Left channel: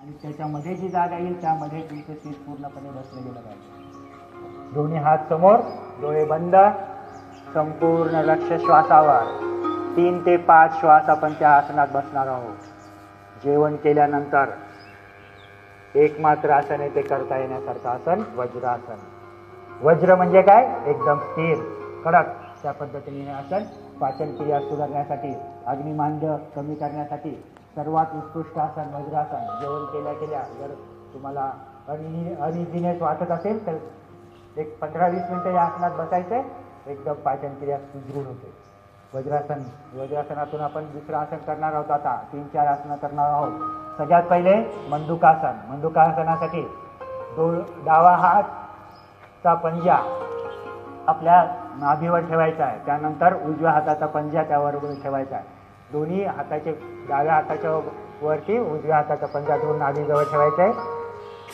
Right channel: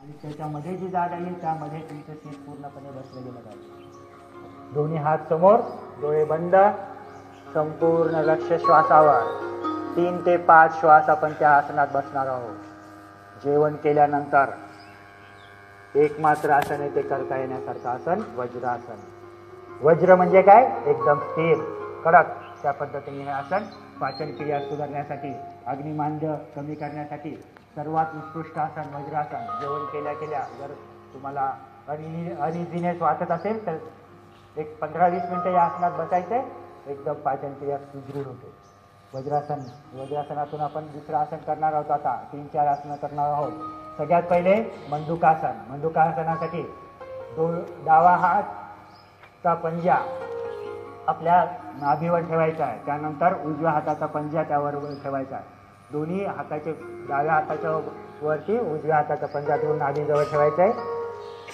आणि त्याच्यामध्ये जी जागा येईल त्यामध्ये तुमचं शीत पूर्णपणे बसलं गेलं पाहिजे. दोन्ही हात समोर, डोळे बंद, संपूर्ण लक्ष श्वासावर. 3 ते 5 श्वास आपण त्या आसनात बसणार आहोत. जेवण केल्यानंतर एकमात्र आसन आहे ते करता येण्यासारखं आसन वज्रासन. वज्र म्हणजे काय? एकदम स्थिर, कडक. त्या पद्धतीने हे आसन पाचन क्रिया सुधारण्यासाठी, अग्निमांद्य कमी करण्यासाठी सर्वात उत्कृष्ट आसन वज्रासन. जेवण केल्या जर तुम्हाला अनइझीनेस वाटत असेल तर एक 15-20 मिनिटं या आसनात बसायचंय, एकदम पाचन क्रिया सुदृढ होते. वज्रासनातून आपण दुसरं आसन करणार आहोत. आता 3-4 आसनं करणार आहोत. सगळ्यात पहिले मंडूकासन. मंडूकासनासाठी डावा हातचा पंजा आपल्या नाभीवर ठेवायचा आहे. त्यानंतर उजव्या हाताचा पंजा त्यावर ठेवायचा आहे. दोन्ही हाताचे, डाव्या हाताच्या वरती उजव्या हाताचा पंजा दोन नाभीजवळ ठेवायचा आहे.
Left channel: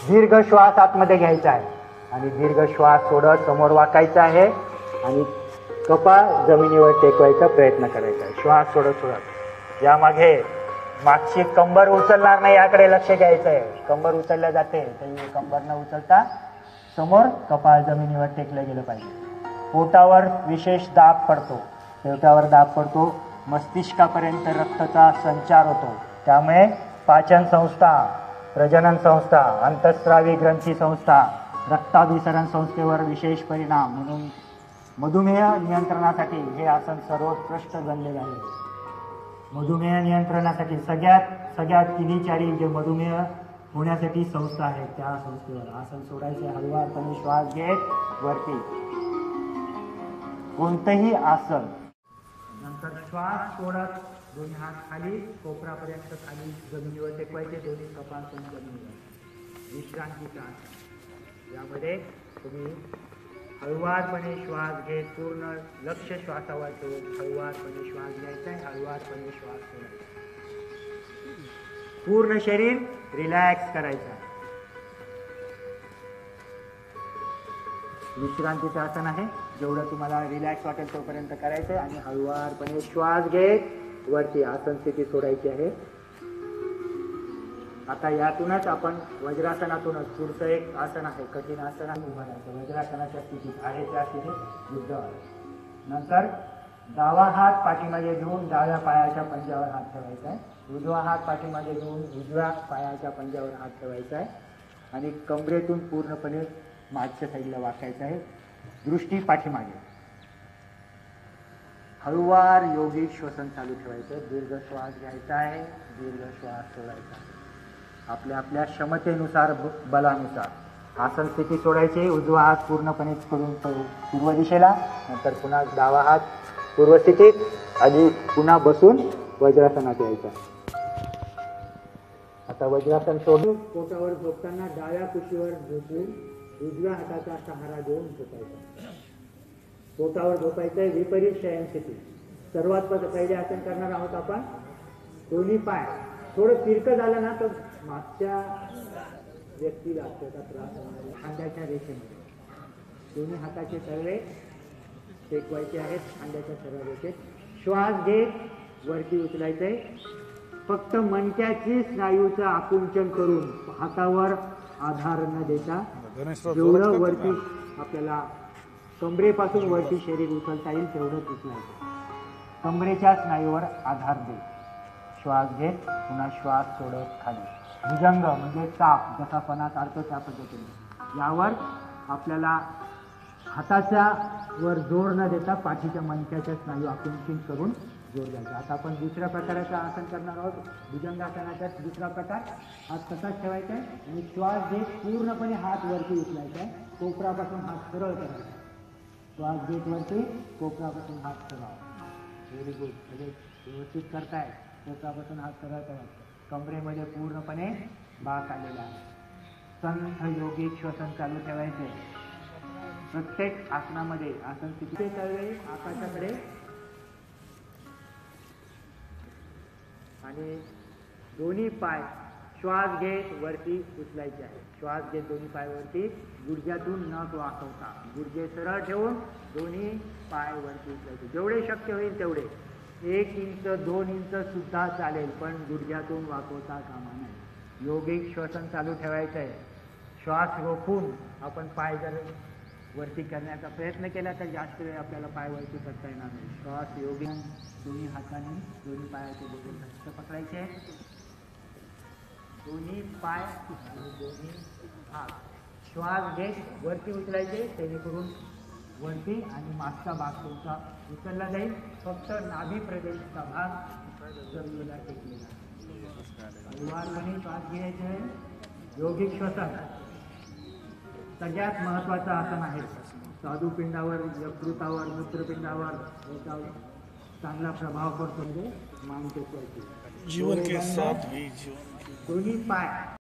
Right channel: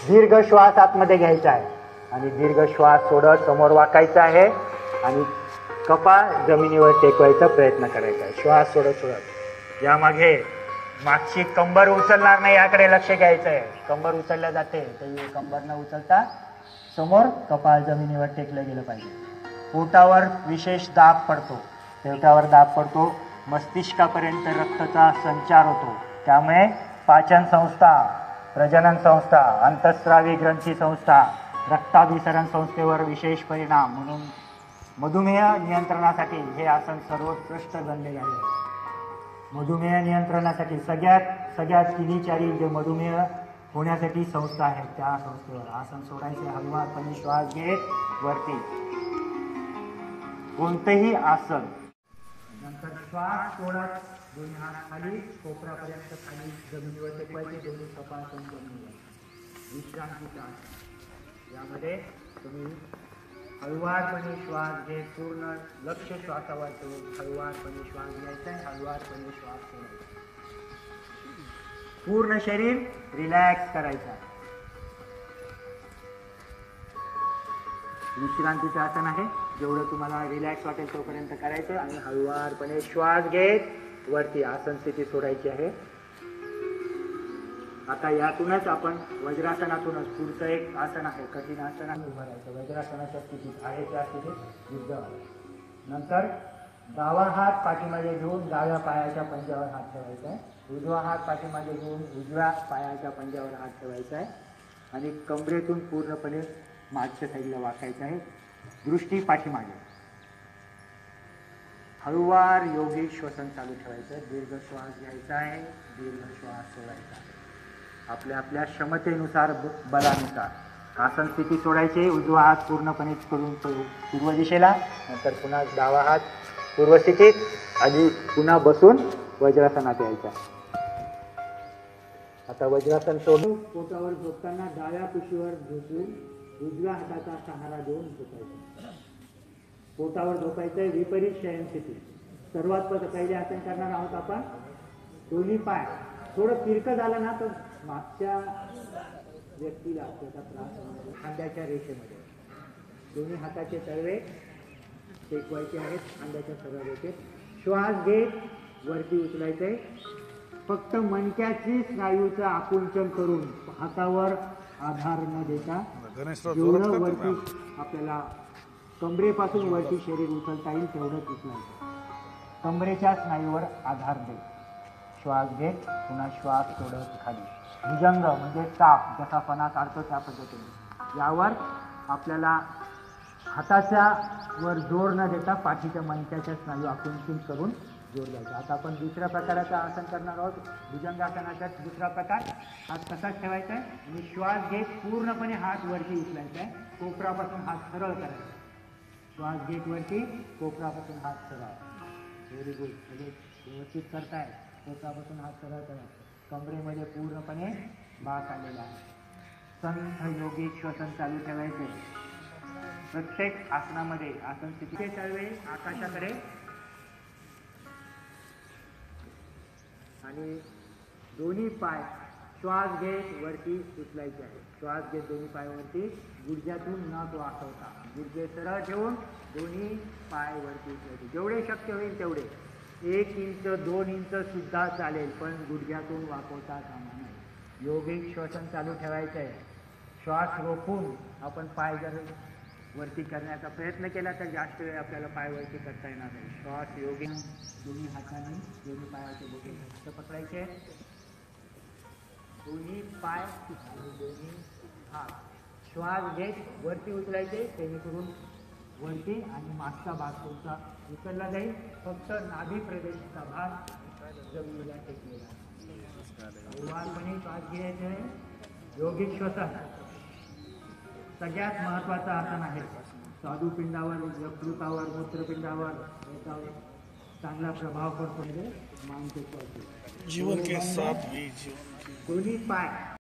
दीर्घ श्वास आतमध्ये घ्यायचा आहे आणि दीर्घ श्वास सोडत समोर वाकायचा आहे आणि कपाळ जमिनीवर टेकवायचा प्रयत्न करायचा आहे. श्वास सोडत यामागे मागची कंबर उचलणार नाही याकडे लक्ष द्यायचं आहे. कंबर उचलल्या जाते तरी कंबर न उचलता समोर कपाळ जमिनीवर टेकलं गेलं पाहिजे. पोटावर विशेष दाब पडतो, पोटावर दाब पडतो, मस्तिष्कापर्यंत रक्ताचा संचार होतो. त्यामुळे पाचन संस्था, प्रजनन संस्था, अंतःस्रावी ग्रंथी संस्था, रक्ताभिसरण संस्थेवर विशेष परिणाम. म्हणून मधुमेह नियंत्रणासाठी हे आसन सर्वोत्कृष्ट बनलेले आहे. मधुमेह नियंत्रणासाठी सगळ्यात किनीचारी जे मधुमेह होण्यासाठी संस्था आहेत त्या संस्थेवर आसन सोडायचे. हळूवारपणे श्वास घेत वरती कोणतेही आसन, नंतर श्वास सोडत दोन्ही हात खाली, कोपरापर्यंत खाली जमिनीवर टेकवायचे. दोन्ही कपाळ पण जमिनीवर. विश्रांतीचं आसन. यामध्ये तुम्ही हळूवारपणे श्वास घेत पूर्ण लक्ष श्वासावर ठेवून हळूवारपणे श्वास घ्यायचा आहे, हळूवारपणे श्वास सोडायचा. पूर्ण शरीर रिलॅक्स करायचं. विश्रांतीचं आसन आहे. जेवढं तुम्हाला रिलॅक्स वाटेल तोपर्यंत करायचं आणि हळूवारपणे श्वास घेत वरती आसन स्थिती सोडायची आहे. आता यातूनच आपण वज्रासनातूनच पुढचं एक आसन आहे, कठीण आसन उभारायचं. वज्रासनाच्या स्थितीत आहे त्या स्थितीत युद्ध. नंतर डावा हात पाठीमागे घेऊन डाव्या पायाच्या पंजावर हात ठेवायचा आहे. उजवा हात पाठीमागे घेऊन उजव्या पायाच्या पंजावर हात ठेवायचा आहे आणि कमरेतून पूर्णपणे मागच्या साईडला वाकायचं आहे. दृष्टी पाठीमागे. हळूवार योगी श्वसन चालू ठेवायचं आहे. दीर्घ श्वास घ्यायचा आहे, दीर्घ श्वास सोडायचा आहे. आपल्या क्षमतेनुसार, बलानुसार आसन स्थिती सोडायचे. उजवा हात पूर्णपणे करून पूर्व दिशेला, नंतर पुन्हा डावा हात पूर्व स्थितीत आणि पुन्हा बसून वज्रासनात यायचा. आता वज्रासन सोडून पोटावर झोपताना डाव्या कुशीवर झोपून उजव्या हाताचा सहारा घेऊन झोपायचा. पोटावर झोपायचं. विपरीत शयन स्थिती. सर्वात पहिले आसन करणार आहोत आपण. दोन्ही पाय थोडं तिरकं झालं ना तर मागच्या व्यक्तीला त्याचा त्रास होणार. खांद्याच्या रेषेमध्ये दोन्ही हाताचे तळवे टेकवायचे आहेत खांद्याच्या सरळ रेषेत. श्वास घेत वरती उचलायचंय. फक्त मणक्याची स्नायूचं आकुंचन करून हातावर आधार न देता जेवढं वरती आपल्याला कमरेपासून वरती शरीर उचलता येईल तेवढंच उचलायचं. कमरेच्या स्नायूवर आधार दे. श्वास घेत पुन्हा श्वास सोडत खाली. भुजंग म्हणजे चाप, जसा फणा काढतो त्या पद्धतीने. यावर आपल्याला हाताच्या वर जोर न देता पाठीच्या मणक्याच्या स्नायू आकुंचित करून जोर द्यायचा. आता आपण दुसऱ्या प्रकाराचं आसन करणार आहोत. भुजंगासनाचा दुसरा प्रकार. हात तसाच ठेवायचा आहे आणि श्वास घेत पूर्णपणे हात वरती उचलायचा आहे. कोपरापासून हात सरळ करायचा. श्वास घेत वरती, कोपरापासून हात सरळ. Very good. व्यवस्थित करताय. कोपरापासून हात सरळ करायचा. कमरेमध्ये पूर्णपणे बाक आलेला आहे. संथ योगिक श्वसन चालू ठेवायचे. प्रत्येक आसनामध्ये आसन स्थिती चालवे आकाशाकडे आणि दोन्ही पाय श्वास घेत वरती उचलायचे आहे. श्वास घेत दोन्ही पाय वरती, गुडघ्यातून नख वाकवता. गुडघे सरळ ठेवून दोन्ही पाय वरती उचलायचे. जेवढे शक्य होईल तेवढे. 1 इंच 2 इंच सुद्धा चालेल, पण गुडघ्यातून वाकवता कामा नये. योगिक श्वसन चालू ठेवायचं आहे. श्वास रोखून आपण पाय जर वरती करण्याचा प्रयत्न केला तर जास्त वेळ आपल्याला पाय वरती करता येणार नाही. श्वास योगी दोन्ही हाताने दोन्ही पायाचे बोटे घट्ट पकडायचे. दोन्ही पाय आणि दोन्ही हात श्वास घेत वरती उचलायचे, जेणेकरून वरती आणि मागचा भाग तुमचा उचलला जाईल. फक्त नाभी प्रदेशचा भाग जमिनीला टेकलेला. हळूवारपणे श्वास घ्यायचा आहे. योगिक श्वसन सगळ्यात महत्वाचं आसन आहे. स्वादुपिंडावर, यकृतावर, मूत्रपिंडावर चांगला प्रभाव पडतो. म्हणजे माउंट जीवन के साथ भी जीवन के दोन्ही पाय